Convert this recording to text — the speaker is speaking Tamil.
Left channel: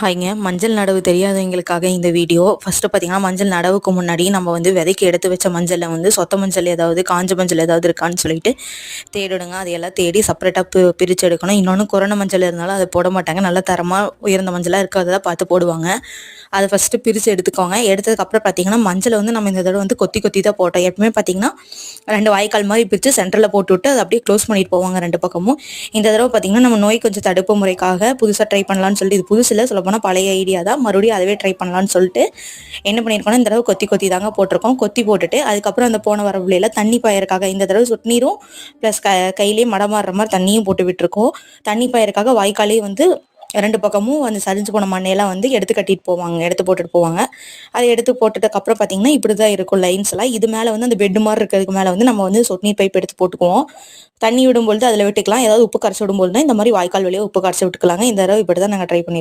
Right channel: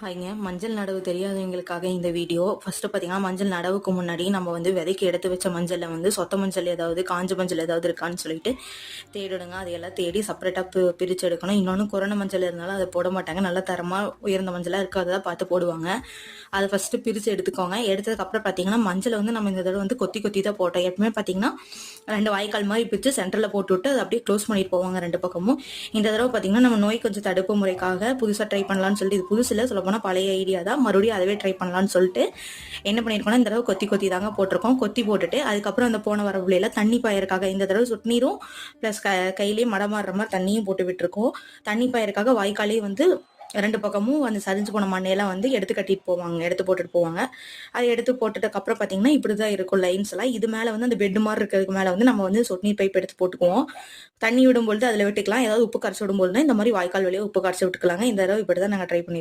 ஹாய்ங்க. மஞ்சள் நடவு தெரியாதவங்களுக்காக இந்த வீடியோ. ஃபஸ்ட்டு பார்த்தீங்கன்னா மஞ்சள் நடவுக்கு முன்னாடி நம்ம வந்து விதைக்கு எடுத்து வச்ச மஞ்சளில் வந்து சொத்த மஞ்சள் ஏதாவது காஞ்ச மஞ்சள் ஏதாவது இருக்கான்னு சொல்லிட்டு தேடிடுங்க அதையெல்லாம் தேடி செப்பரேட்டாக பி பிரித்து எடுக்கணும். இன்னொன்று கொரோனா மஞ்சள் இருந்தாலும் அதை போட மாட்டாங்க. நல்ல தரமாக உயர்ந்த மஞ்சளாக இருக்கிறத பார்த்து போடுவாங்க. அதை ஃபஸ்ட்டு பிரித்து எடுத்துக்கோங்க. எடுத்ததுக்கப்புறம் பார்த்தீங்கன்னா மஞ்சளை வந்து நம்ம இந்த தடவை வந்து கொத்தி கொத்தி தான் போட்டோம். எப்பவுமே பார்த்தீங்கன்னா ரெண்டு வாய்க்கால் மாதிரி பிரித்து சென்டரில் போட்டு விட்டு அதை அப்படியே க்ளோஸ் பண்ணிட்டு போவாங்க ரெண்டு பக்கமும். இந்த தடவை பார்த்தீங்கன்னா நம்ம நோய் கொஞ்சம் தடுப்பு முறைக்காக புதுசாக ட்ரை பண்ணலான்னு சொல்லிட்டு இது புதுசில் சொல்லப்போனால் பழைய ஐடியா தான். மறுபடியும் அதவே ட்ரை பண்ணலான்னு சொல்லிட்டு என்ன பண்ணியிருக்கோம்னா இந்த தடவை கொத்தி கொத்தி தாங்க போட்டிருக்கோம். கொத்தி போட்டுட்டு அதுக்கப்புறம் அந்த போன வரவுல தண்ணி பாயறக்காக இந்த தடவை சொட்டு நீரும் ப்ளஸ் க கையிலேயே மடமாடுற மாதிரி தண்ணியும் போட்டு விட்டுருக்கோம். தண்ணி பாயறக்காக வாய்க்காலே வந்து ரெண்டு பக்கமும் அந்த சரிஞ்சு போன மண்ணையெல்லாம் வந்து எடுத்து கட்டிட்டு போவாங்க எடுத்து போட்டுட்டு போவாங்க. அதை எடுத்து போட்டுட்டதுக்கப்புறம் பார்த்தீங்கன்னா இப்படி தான் இருக்கும் லைன்ஸ் எல்லாம். இது மேலே வந்து அந்த பெட் மாதிரி இருக்கிறதுக்கு மேலே வந்து நம்ம வந்து சொட்டு நீர் பைப் எடுத்து போட்டுக்குவோம். தண்ணி விடும்பொழுது அதில் விட்டுக்கலாம். ஏதாவது உப்பு கரைச்சி விடும்போது இந்த மாதிரி வாய்க்கால் வழியாக உப்பு கரைச்சி விட்டுக்கலாங்க. இந்த தடவை இப்படி தான் நாங்கள் ட்ரை பண்ணியிருக்கோம்